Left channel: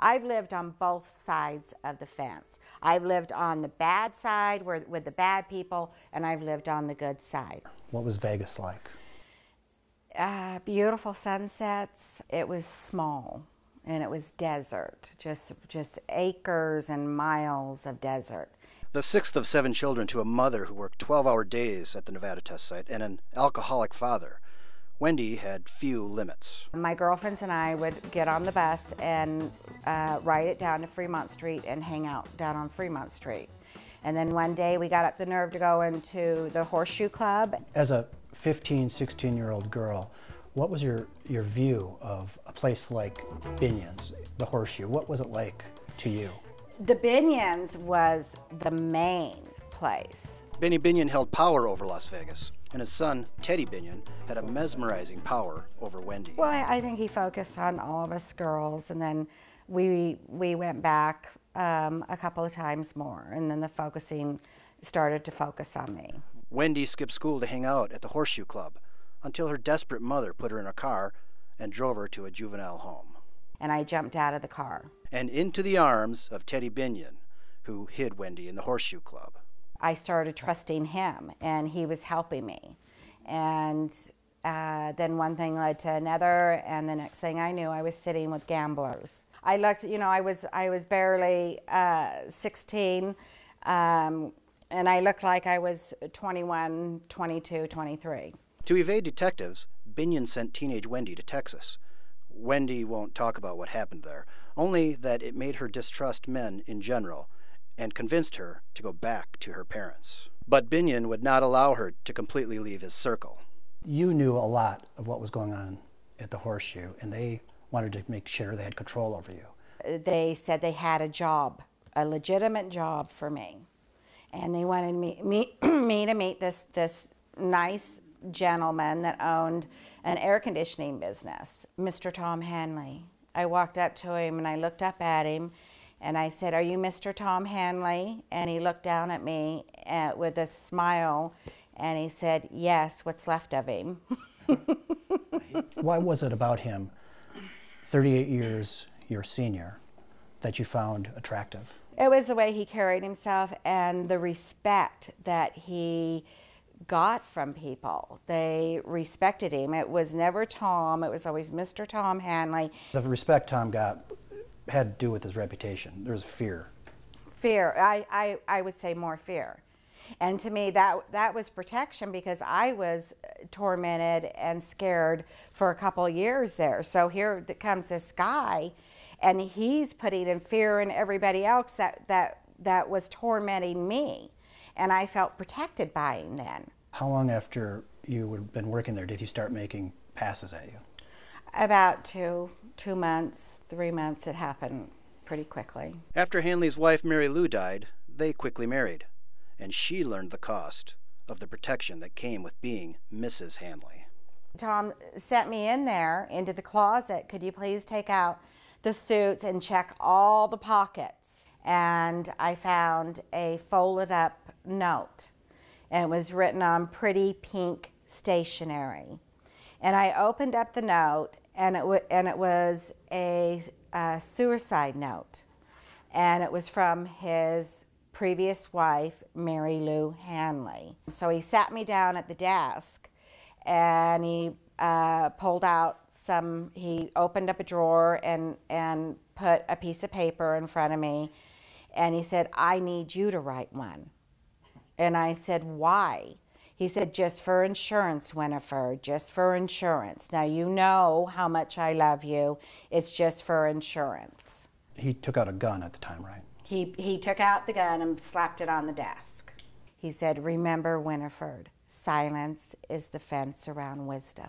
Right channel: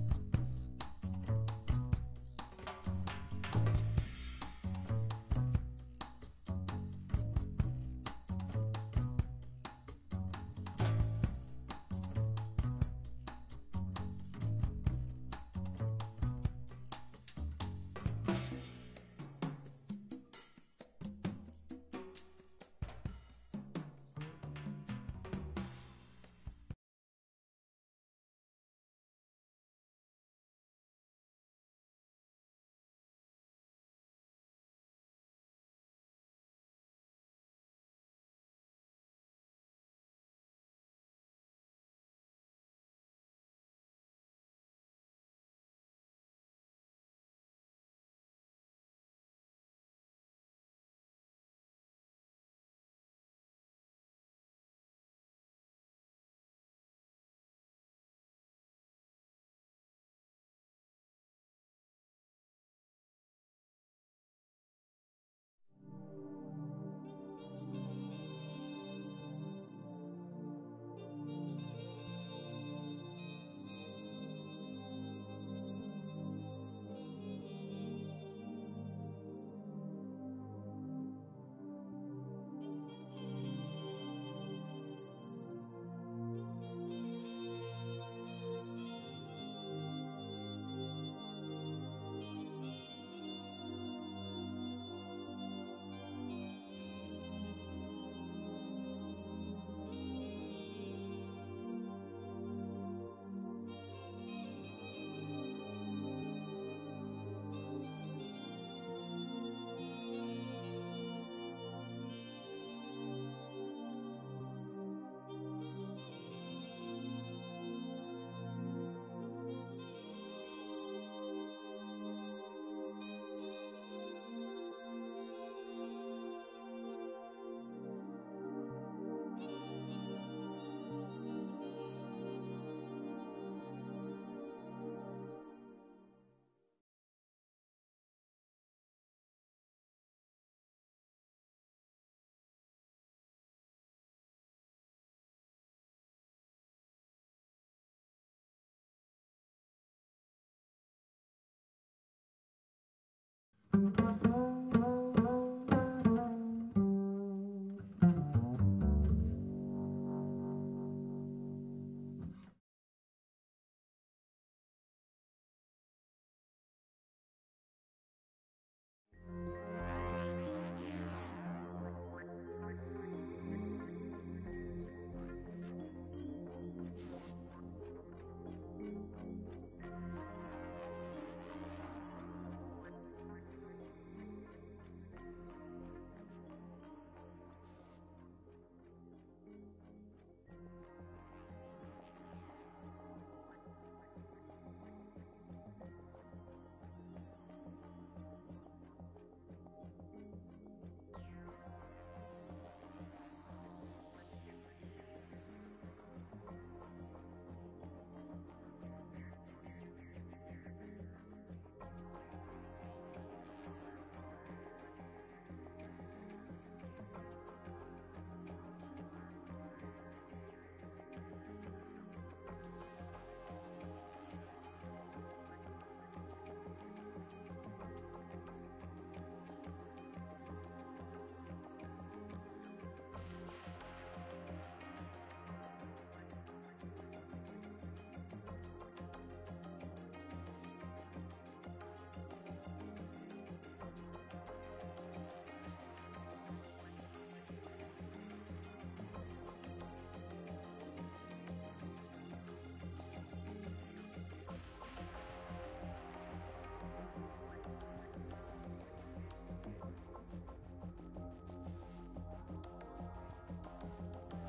I've lived on both sides of the fence. I've lived on the bad side with the bad people, and I've lived on the good side. What was Vegas like? Beautiful sunsets. It was small, and it was desert, just acres and miles of desert. The sixth of 7 children to a mother who worked 12-hour days at the Nevada test site and an alcoholic father, Wendy had few limits. My girlfriends and I would get on the bus and ride it down to Fremont Street and hang out down on Fremont Street. And then one day we got up the nerve to go into the Horseshoe Club. As a 15, 16-year-old girl, what was your view of a place like Binion's, the Horseshoe? What was it like to you? The Binion's was the main place. Benny Binion held power over Las Vegas, and his son, Teddy Binion, had a mesmerizing power over Wendy. Well, I think he focused on all of us girls, and then we went back a couple of times more, and then the focusing started to focus on me. Wendy skipped school to hang out at the Horseshoe Club until her desperate mother put her in a car and drove her to a juvenile home. And I jumped out of the car. And into the arms of Teddy Binion, who hid Wendy in the Horseshoe Club. I started trusting him, and he was helping me. And then one thing led to another, and the next thing I knew, I was sitting with gamblers. I looked, you know, I was barely 16, and I looked like I was 21, 22, 23. To evade detectives, Binion sent teenage Wendy to Texas. Wendy won't talk about what happened there, only that it made her distrust men in general and convinced her to go back to her parents. But Binion would not allow her to completely leave his circle. You knew a lot of what was going on at the Horseshoe, and they wanted to make sure they had control over you. They said they had a job, a legitimate job for me. And they wanted me to meet this nice gentleman that owned an air conditioning business, Mr. Tom Hanley. I walked up to him and I looked up at him and I said, "Are you Mr. Tom Hanley?" And he looked down at me with a smile and he said, "Yes, what's left of him." Why was it about him, 38 years your senior, that you found attractive? It was the way he carried himself and the respect that he got from people. They respected him. It was never Tom, it was always Mr. Tom Hanley. The respect Tom got had to do with his reputation. There was fear. Fear, I would say more fear. And to me that was protection because I was tormented and scared for a couple years there. So here comes this guy and he's putting in fear in everybody else that was tormenting me. And I felt protected by him then. How long after you had been working there did he start making passes at you? About two months, 3 months, it happened pretty quickly. After Hanley's wife Mary Lou died, they quickly married, and she learned the cost of the protection that came with being Mrs. Hanley. Tom sent me in there into the closet. "Could you please take out the suits and check all the pockets?" And I found a folded up note, and it was written on pretty pink stationery. And I opened up the note, and it was a suicide note, and it was from his previous wife, Mary Lou Hanley. So he sat me down at the desk, and he pulled out he opened up a drawer and put a piece of paper in front of me, and he said, "I need you to write one." And I said, "Why?" He said, "Just for insurance, Winifred, just for insurance. Now you know how much I love you. It's just for insurance." He took out a gun at the time, right? He took out the gun and slapped it on the desk. He said, "Remember, Winifred, silence is the fence around wisdom."